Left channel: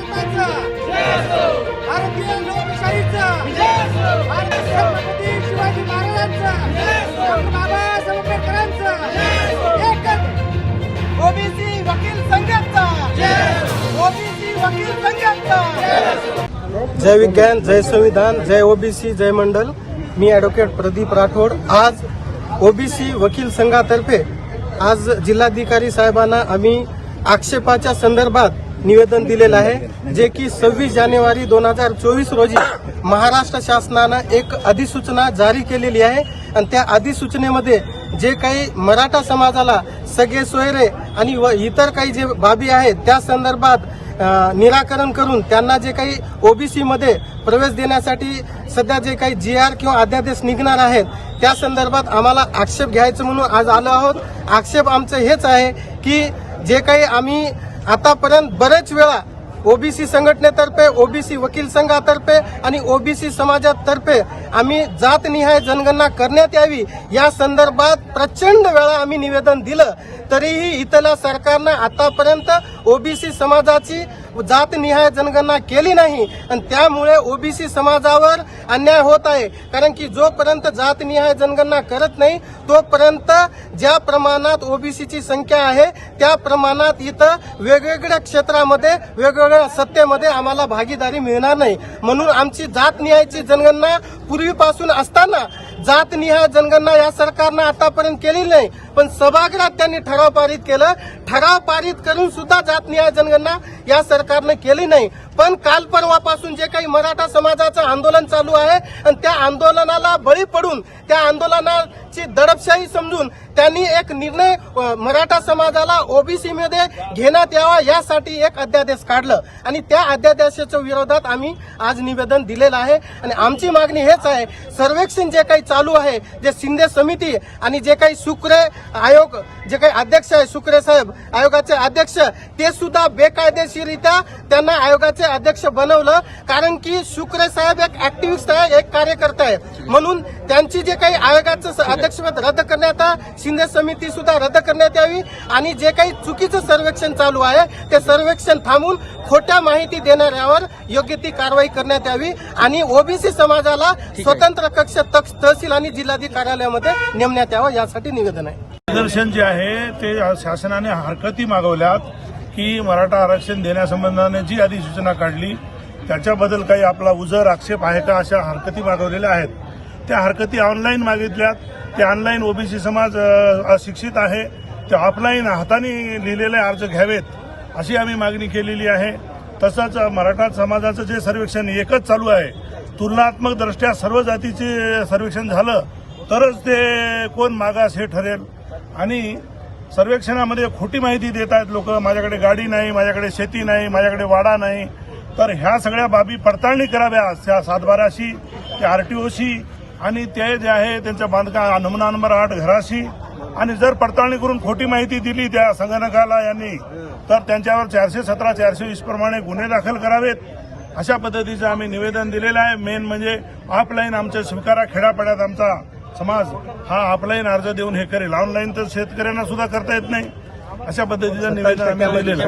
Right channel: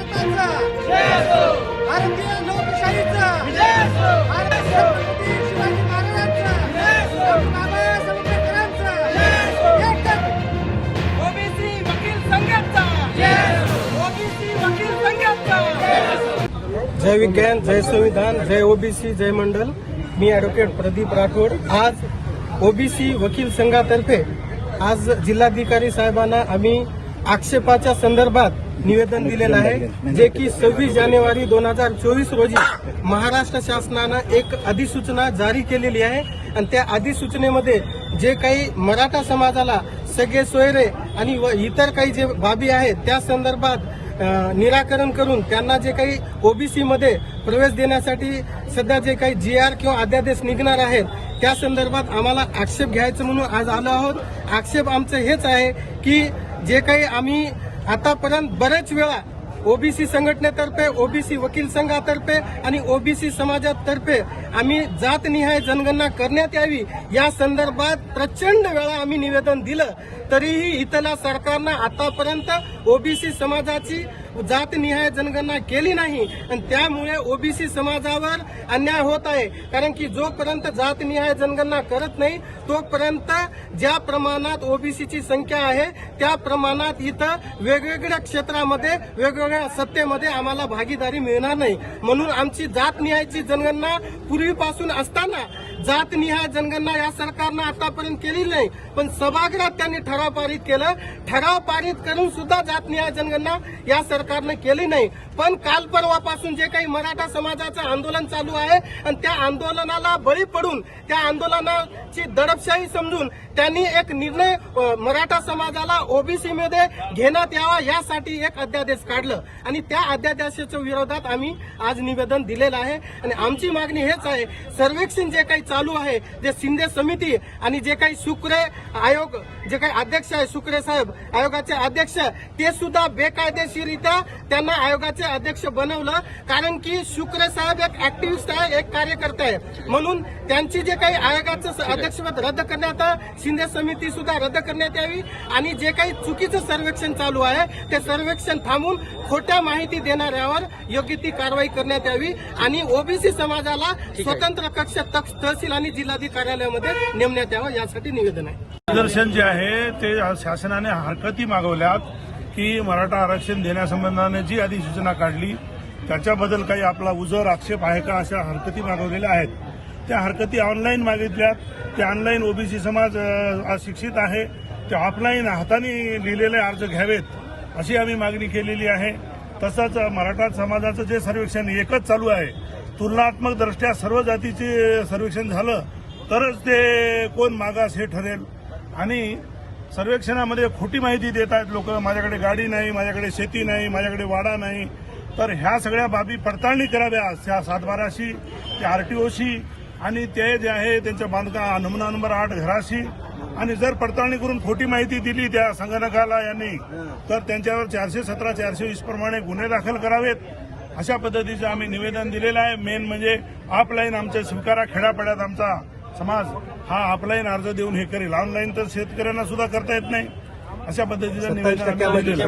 भारताचा. भारतीय लोकशाहीचा. भारत छत्रपती शिवाजी महाराजांचा. डॉक्टर बाबासाहेब आंबेडकरांचा. एकच. ओबीसी वकील संघाचा. ओबीसी वकील संघाचा. जय विज्ञान जय संविधान जय ओबीसी जय मंडल. मी ॲडव्होकेट प्रदीप राठोड. आज ओबीसी वकील संघातर्फे आज जिल्हाधिकारी साहेबांना आम्ही आक्षेपाच्या संदर्भात निवेदन दिलेलं आहे जे की सव्वीस जानेवारी दोन हजार चोवीस रोजी महाराष्ट्र शासनानं एक अधिसूचना जारी केलेली आहे. आणि त्या अधिसूचनेमध्ये जे काही मराठा समाजाला सगळे सोयरे आणि व इतर काही जे बाबी आहेत त्या संदर्भात निराकरण करून त्यांना जे काही ओबीसी मध्ये प्रवेश देण्यासाठी सध्या जे काही जी आर किंवा अध्यादेश निघणार आहेत त्या संदर्भात आम्हाला आक्षेप घ्यायचं म्हणून आज आलो आहोत. आक्षेप आमचं हेच आहे की जे काही आम्ही आतापर्यंत बरेच वेळा ओबीसी संघटनेतर्फे ओबीसी वकील संघातर्फे आणि ओबीसी समाजातर्फे आम्ही जातनिहाय जनगणना करण्यात यावी. या संदर्भात प्रचंड वेळा आम्ही निवेदन दिलं. तरीही इथल्या सरकारनं आतापर्यंत ओबीसी समाजाची जातनिहाय जनगणना केली नाही. आणि त्यामुळे ओबीसी समाजावर अन्याय होत आहे. कारण की जोपर्यंत जातनिहाय जनगणना करत नाही तोपर्यंत ज्या प्रमाणात ओबीसीची संख्या आहे त्या प्रमाणात इथं वेगवेगळ्या क्षेत्रामध्ये वेगवेगळ्या सत्तेमध्ये आम्हाला भागीदारी मिळणार नाही. म्हणून आमची जातनिहायची जनगणना पूर्वीपासून असताना जातनिहाय जनगणना या सरकारनं आतापर्यंत केली नाही पण सभागृहात त्यांनी ठराव पारित केलं. ठराव पारित करून सुद्धा जातनिहाय जनगणना या सरकारनं केली नाही. पण काल परवापासून जे काही मराठा समाजाचं आंदोलन चालू आहे आणि त्या आंदोलनाला बळी पडून त्या आंदोलनाची दडपशाही समजून त्यांनी एक निर्णय मराठा समाजाला ओबीसी मध्ये घेण्यात यावा यासाठी एक अध्यादेश काढलं. आणि त्या अध्यादेशाच्या विरोधात आम्ही आज निवेदन दिलेलं आहे. आणि आमची मागणी हेच आहे सर्वेक्षण जे काही चालू आहे. जे शिंदे समिती आणि जे काही सुक्रे आयोग जे काही अध्यक्ष आहे सुक्रे साहेब आयोगाचे अध्यक्ष ते सुद्धा बेकायदेशीरित्या त्यांना आयोगाचे अध्यक्ष बनवलं. कारण की शुक्रे साहेब एक ऍक्टिव्हिस्ट आहे एक कार्यकर्ता आहे. म्हणून त्यांची जे काही आयोगाचं स- अध्यक्षपद रद्द करण्यात शिंदे समिती सुद्धा रद्द करण्यात यावी आणि जे काही चुकीचं सर्वेक्षण चालू आहे ते सर्वेक्षण थांबून खोट्या माहिती देणाऱ्यावर योग्य ती कारवाई करण्यात यावी आणि ओबीसी समाजाला स्वतंत्र कक्ष तक्ष तहसील आणि जिल्हाधिकारी कार्यालयामध्ये नेमण्यात यावं यासाठी निवेदन आहे. निदर्शन जे आहे ते शासनाने हरकती मागवल्यात की मराठा आरक्षण देण्यासंबंधाने जी अधिसूचना काढली त्याच्याबद्दल काही आपला उजर आक्षेप आहे का अशा हरकती मागवलेल्या आहेत? त्या हरकती ऑनलाईन मागितल्यात. ते ऑनलाईन ओबीसी समाज अशिक्षित आहे. ते ऑफलाईन हाताने लिहिलेले अर्ज घ्यावेत अशी आम्ही मागणी केलेली आहे. तसंच मराठा समाजाचं जे सर्वेक्षण एकच चालू आहे तुलनात्मकदृष्ट्या सर्व जातीचे सर्वेक्षण झालं तरच ते कोण मागास हे ठरेल. आणि सर्वेक्षणामध्ये खोटी माहिती देत आहेत लोक माझ्याकडे गाडी नाही माझ्याकडे शेती नाही माझ्याकडे वाडा नाही. तर ह्या सगळ्या बाबी पडताळणी कराव्या त्या सातबाराशी त्या आरटीओशी आणि ते जे आहे त्यांच्या बांधकाम नमुना नंबर आठ घराशी. आणि जर पडताळणी करून खोटी माहिती दिली त्या संगणकाला यांनी तर त्यांच्यावर चारशे सतरा चारशे वीस प्रमाणे गुन्हे दाखल करावेत. अशा पद्धतीचं आम्ही निवेदन दिलेलं आहे. मेन म्हणजे ऑफलाईन आमच्या स्वीकारा खेड्यापाड्यात आमचा समाज हा ऑफलाईन अर्ज देऊन हे करेल. ऑनलाईन तर शेतकऱ्यांना सुद्धा करता येत नाही. अशा पद्धतीचं निवेदन आम्ही दिलेलं आहे.